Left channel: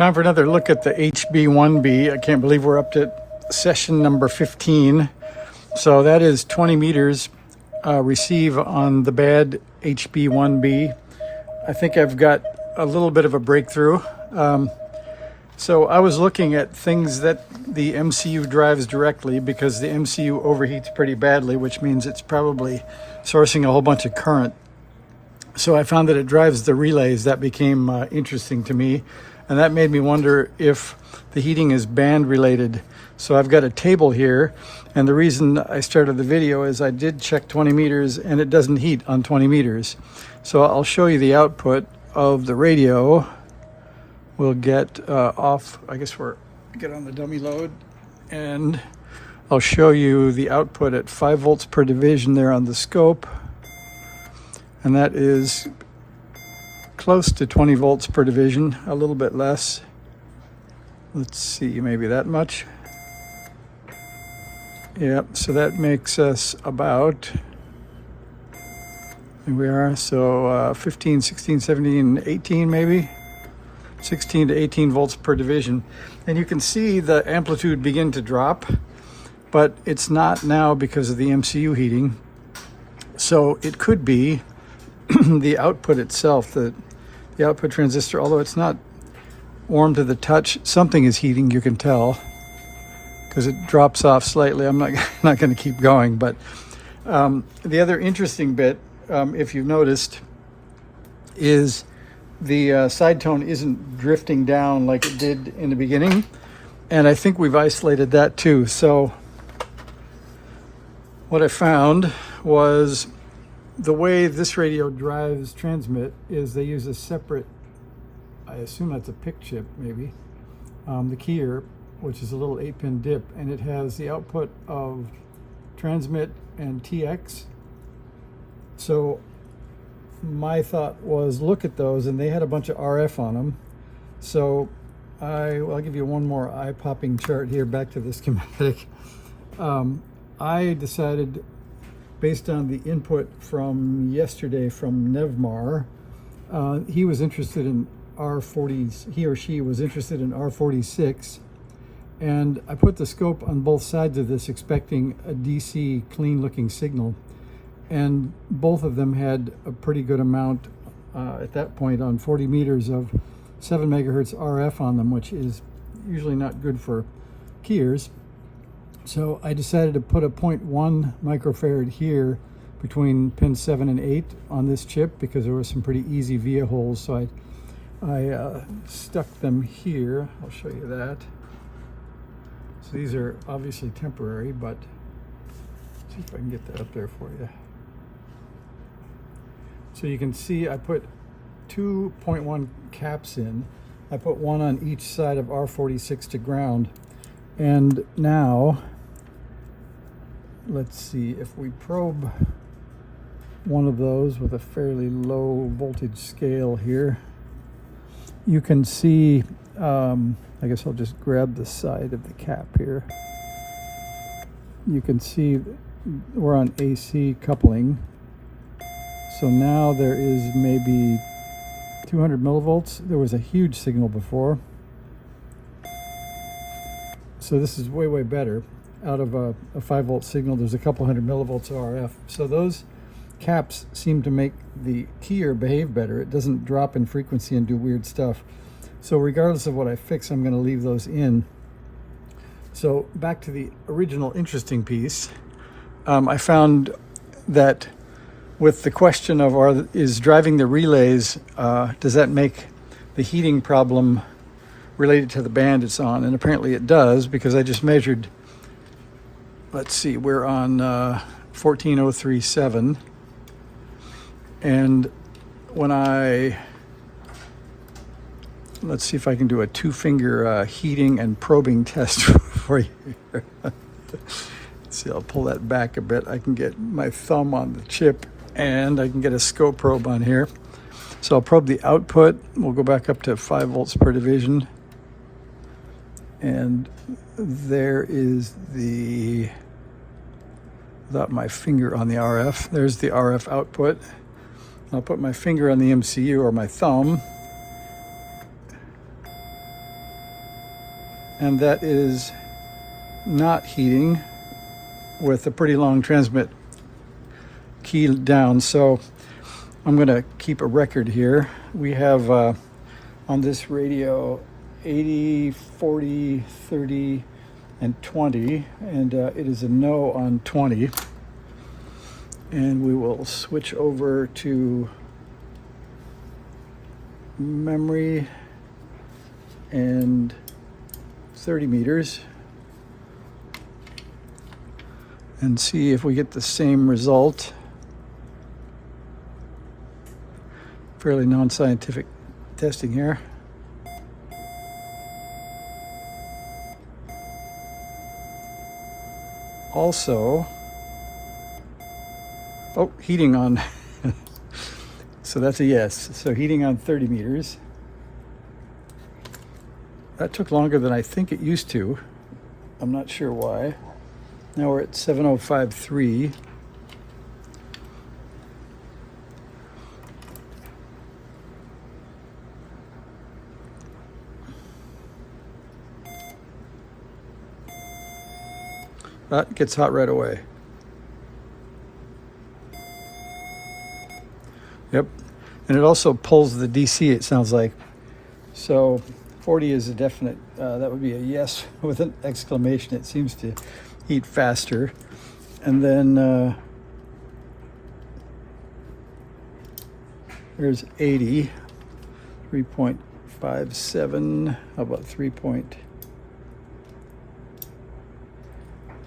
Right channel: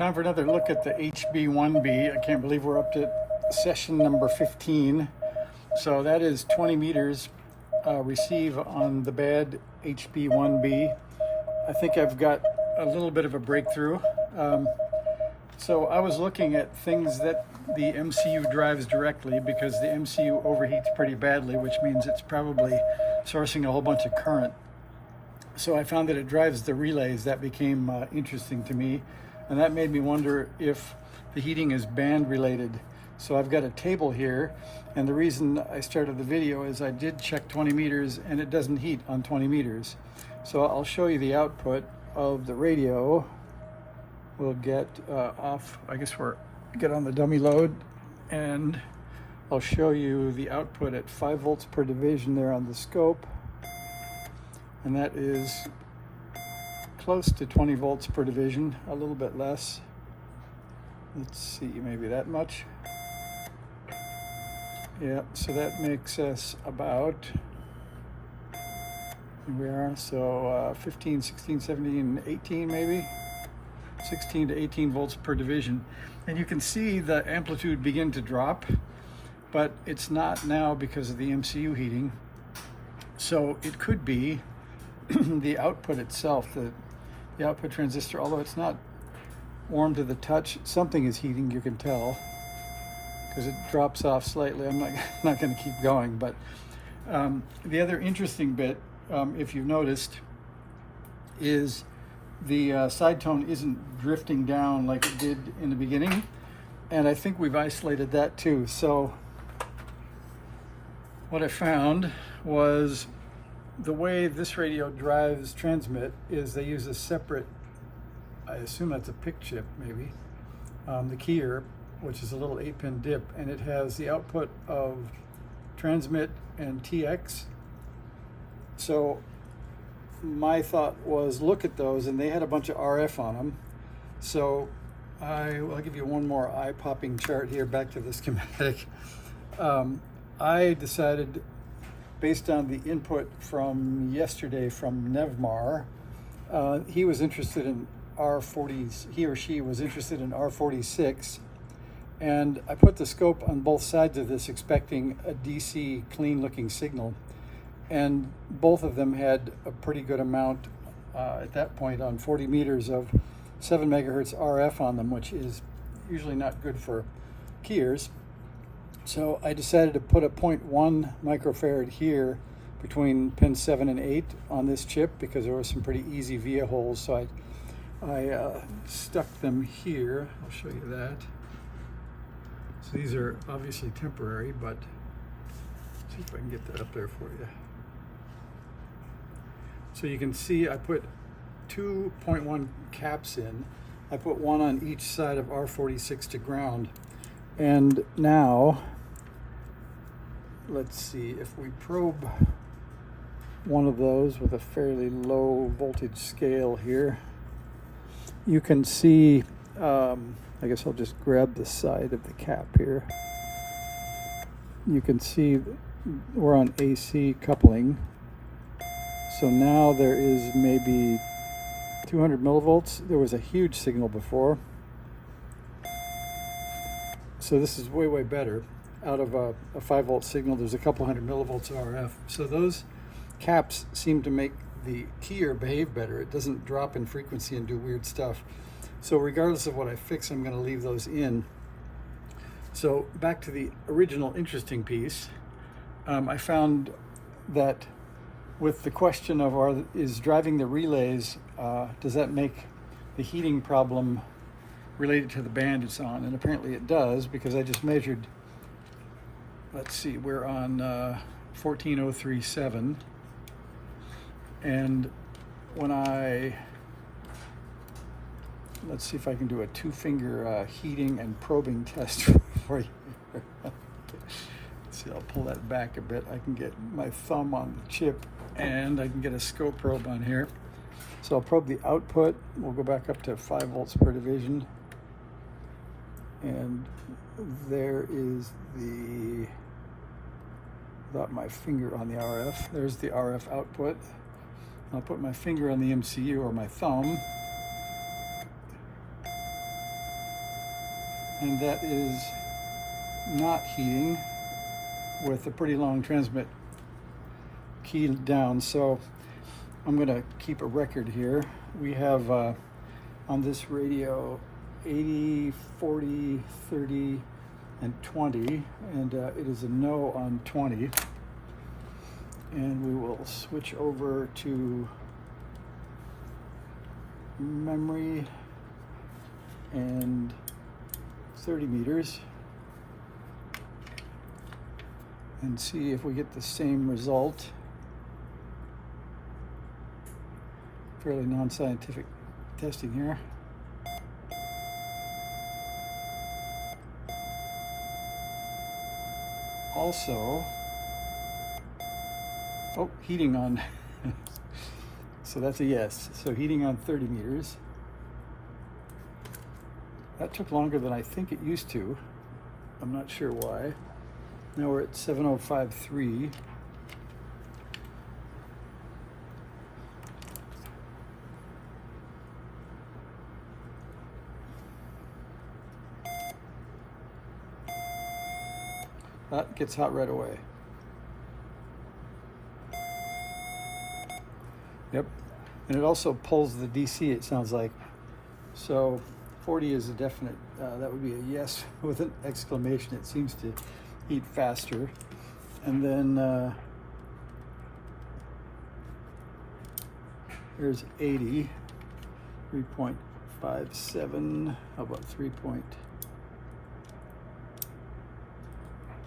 Time for another look at the HB-1B. I can't believe we're up to session number 15. So that is 20 meters receive on the bad HB-1B. I think I've got a little bit of a breakthrough. So I was looking at things that the MCU drives directly because the MCU overheats pretty badly, which means it's probably sourcing a whole bunch of current. So I found that it drives the relays. That became interesting to me. And that made me wonder if the heating is band related. So I've got a table here. And the reason I started the video is I did check 20 meters and it doesn't heat on 20 meters. So I'll show you the output of the radio. We'll get off, I guess we're get on the dummy load, and I'll show you the output at 5 volts per division there on the scope. And that is close to 20 volts per division, a little bit less. Let's see, maybe that much. Yep, so that makes us about, here we are, so 15, 16, 17, 18 maybe. 16 to 18 volts per division. And you can see the amplitude begin to drop, but it's not now because of the MCU heating. So it could be the output itself, the output transistor, although it's not warm to the touch, something is heating, you can tell, because it drops off slightly. I'm not going to keep going, but the other interesting bit, if you've noticed, is the side tone isn't drifting down like it did in the beginning, and I think we've isolated that too. So what I found was the way this radio drives transmit is they use a separate, I assume that's a PIC chip maybe, the keyer, which is a little 8-pin dip, and it has the output of transmit and TX. So my thought was look at those, and they had a bunch of RF on them. So I'll give you one more eye-popping chart here, back to the schematic. I decided, based on the input from yesterday from Nevmar, he was interested in R40s, he or she was interested in R46, and I put the scope on both sides of this expecting a DC clean looking signal. And both of them had a pretty good amount at that point on 40 meters of 7 megahertz RF on them, which is usually not good for keyers. So I decided to put a 0.1 microfarad here between pins 7 and 8 on this chip because there were some pretty easy via holes. So I stuck them here. I'll show you that. So these are obviously temporary, but let's see if I can get that up there for you. So you can see I put 2.1 caps in. I put one on each side of R46 to ground. And now, let's see, if we probe one of those with a fairly low voltage scale here, you can see, I guess I'll just grab the side of the cap here. You can see we're on AC coupling. So now there is maybe 200 millivolts. There was a huge signal before. So this is way, way better. Out of a 5 volt signal, there's a couple hundred millivolts of RF. So those caps seem to make the keyer behave better. It doesn't drop in frequency and do weird stuff. So regardless of what I fix, I'm going to leave those in. So back to the original interesting piece. I found that with the question of is driving the relays, does that make the heating problem related to the band it's on? And apparently it does, because I just measured, let's see, we're on 14037, and when let's see if I can do a 2-finger heating and probing test for you. Let's see, I'll pull that back a bit. I can get my thumb on the chip and I can get a scope probe on here. So I'll probe the output. We'll go back up to 5 volts per division. And there is without my finger on the RF, there's the RF output. I'll put my finger on the MCU, or my thumb, and that is not heating with a pretty long transmit key down. So I'm going to keep a record here. We have on this radio 80, 40, 30, and 20, and it is a no on 20. And we will switch over to memory and 30 meters and see if we get the same result. Fairly non-scientific testing here. Also, oh, heating on. So that's a yes. So heating on 30 meters. That took longer than I think it used to. I'm not sure why. Now we're at 7053. That gets hot right away. Yep, and it also pulls the DC, it sounds like. So 40 is a definite, that would be a yes with an exclamation. It seems to heat faster. And then there's 80, 3.57, how about 3.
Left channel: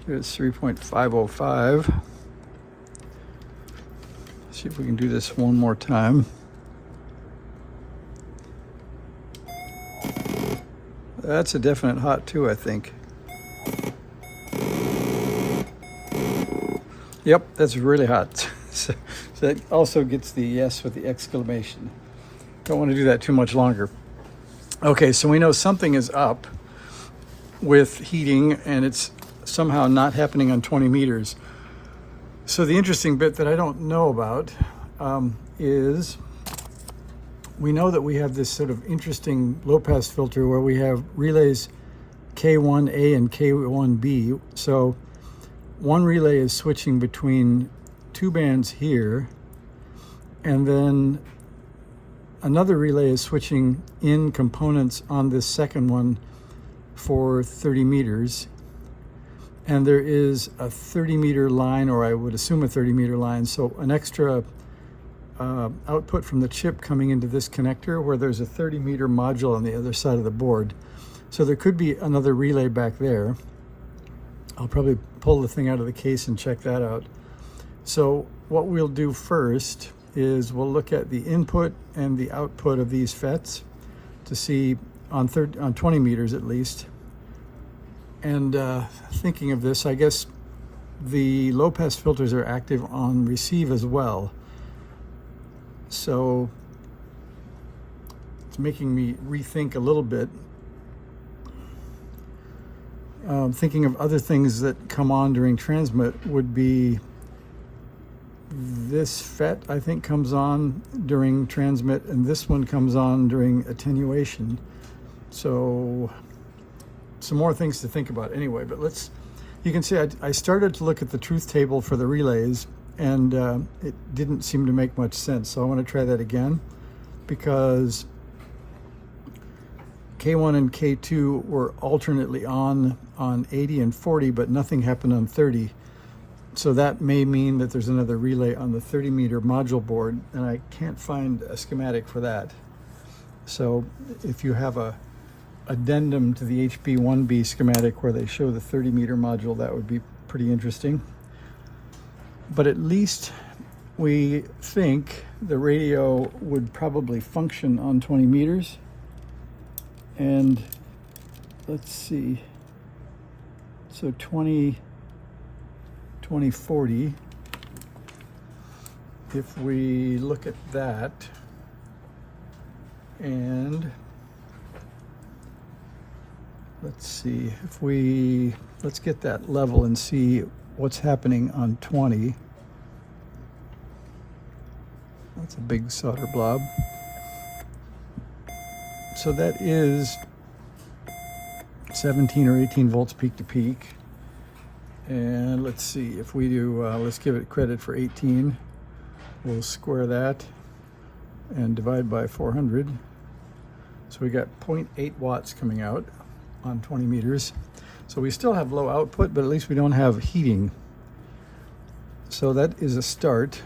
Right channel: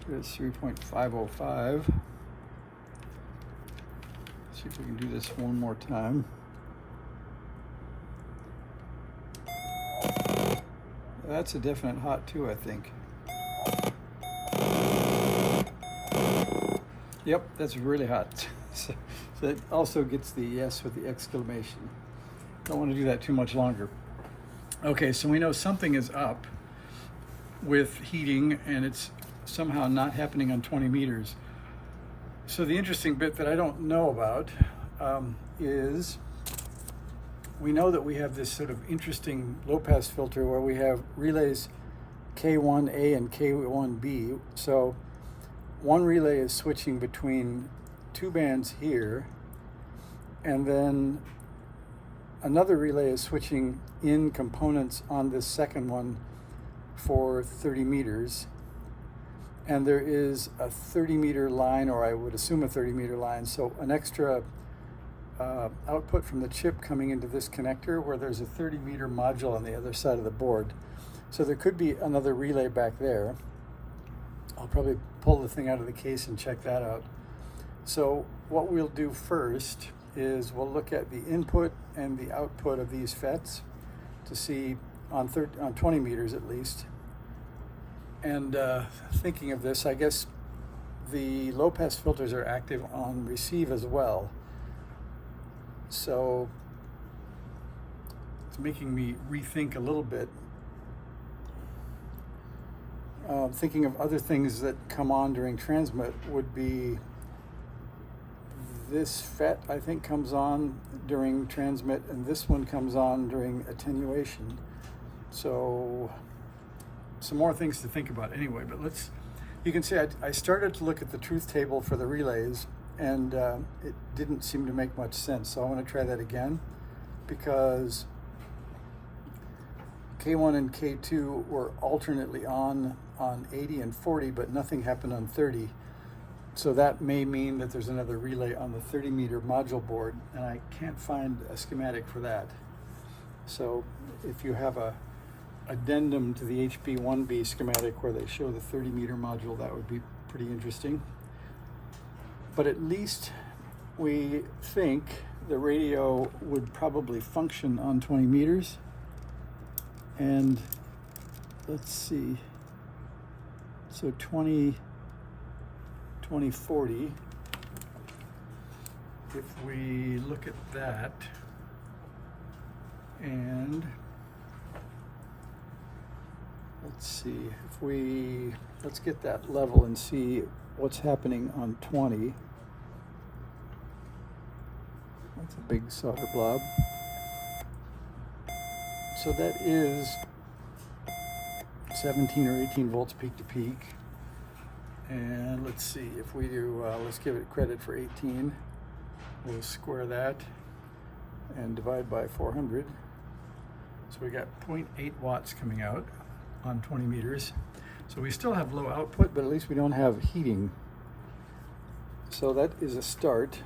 Here's 3.505. See if we can do this one more time. That's a definite hot too, I think. Yep, that's really hot. So that also gets the yes with the exclamation. Don't want to do that too much longer. Okay, so we know something is up with heating, and it's somehow not happening on 20 meters. So the interesting bit that I don't know about is we know that we have this sort of interesting low-pass filter where we have relays K1A and K1B. So one relay is switching between two bands here, and then another relay is switching in components on this second one for 30 meters. And there is a 30-meter line, or I would assume a 30-meter line, so an extra output from the chip coming into this connector where there's a 30-meter module on the other side of the board. So there could be another relay back there. I'll probably pull the thing out of the case and check that out. So what we'll do first is we'll look at the input and the output of these FETs to see on 20 meters at least. And thinking of this, I guess the low-pass filters are active on receive as well. So it's making me rethink a little bit. Thinking of other things that come on during transmit would be this FET, I think, comes on during transmit, and this one comes on during attenuation. So some more things to think about anyway, but you can see I started to look at the truth table for the relays, and it didn't seem to make much sense. So I want to try that again, because K1 and K2 were alternately on 80 and 40, but nothing happened on 30. So that may mean that there's another relay on the 30-meter module board, and I can't find a schematic for that. So if you have a addendum to the HB-1B schematic where they show the 30-meter module, that would be pretty interesting. But at least we think the radio would probably function on 20 meters. And let's see, so 2040, if we look at that, and let's see, let's get that level and see what's happening on 20. That's a big solder blob. So that is 17 or 18 volts peak to peak. And let's see if we do, let's give it credit for 18. We'll square that and divide by 400. So we got 0.8 watts coming out on 20 meters. So we still have low output, but at least we don't have heating. So that is a start.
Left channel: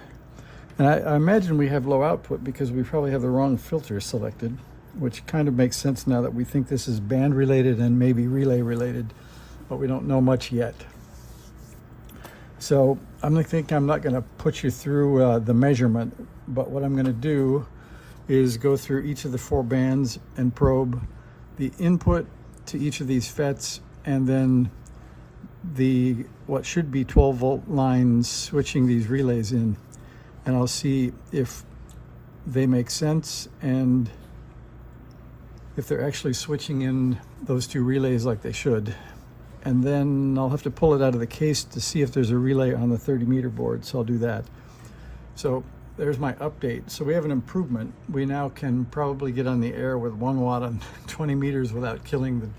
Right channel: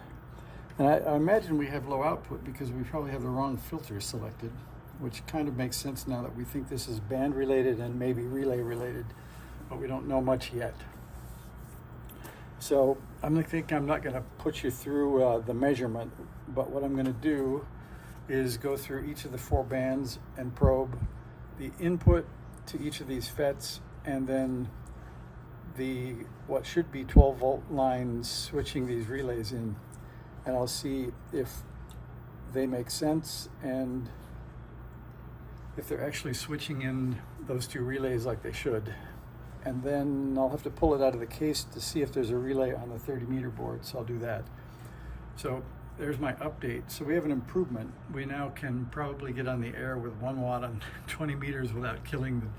And I imagine we have low output because we probably have the wrong filter selected, which kind of makes sense now that we think this is band related and maybe relay related, but we don't know much yet. So I'm not going to put you through the measurement, but what I'm going to do is go through each of the 4 bands and probe the input to each of these FETs, and then what should be 12 volt lines switching these relays in, and I'll see if they make sense and if they're actually switching in those 2 relays like they should. And then I'll have to pull it out of the case to see if there's a relay on the 30 meter board, so I'll do that. So there's my update. So we have an improvement. We now can probably get on the air with 1 watt on 20 meters without killing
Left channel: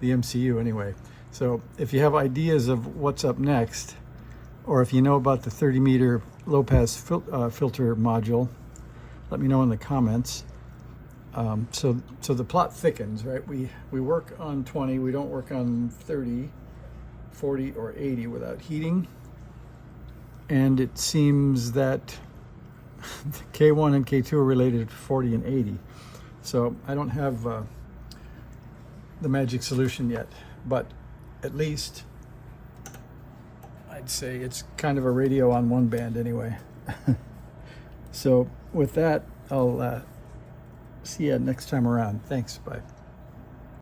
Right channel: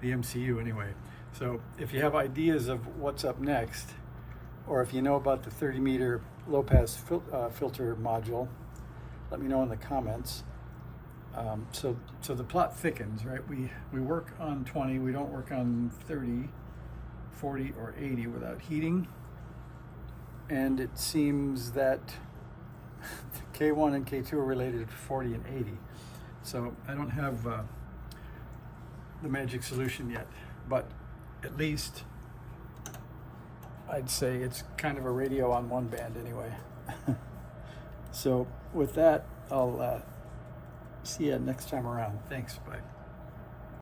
the MCU anyway. So if you have ideas of what's up next, or if you know about the 30 meter low pass filter module, let me know in the comments. So the plot thickens, right? We work on 20, we don't work on 30, 40, or 80 without heating. And it seems that K1 and K2 are related to 40 and 80. So I don't have the magic solution yet, but at least I'd say it's kind of a radio on 1 band anyway. So with that, I'll see you next time around. Thanks, bye.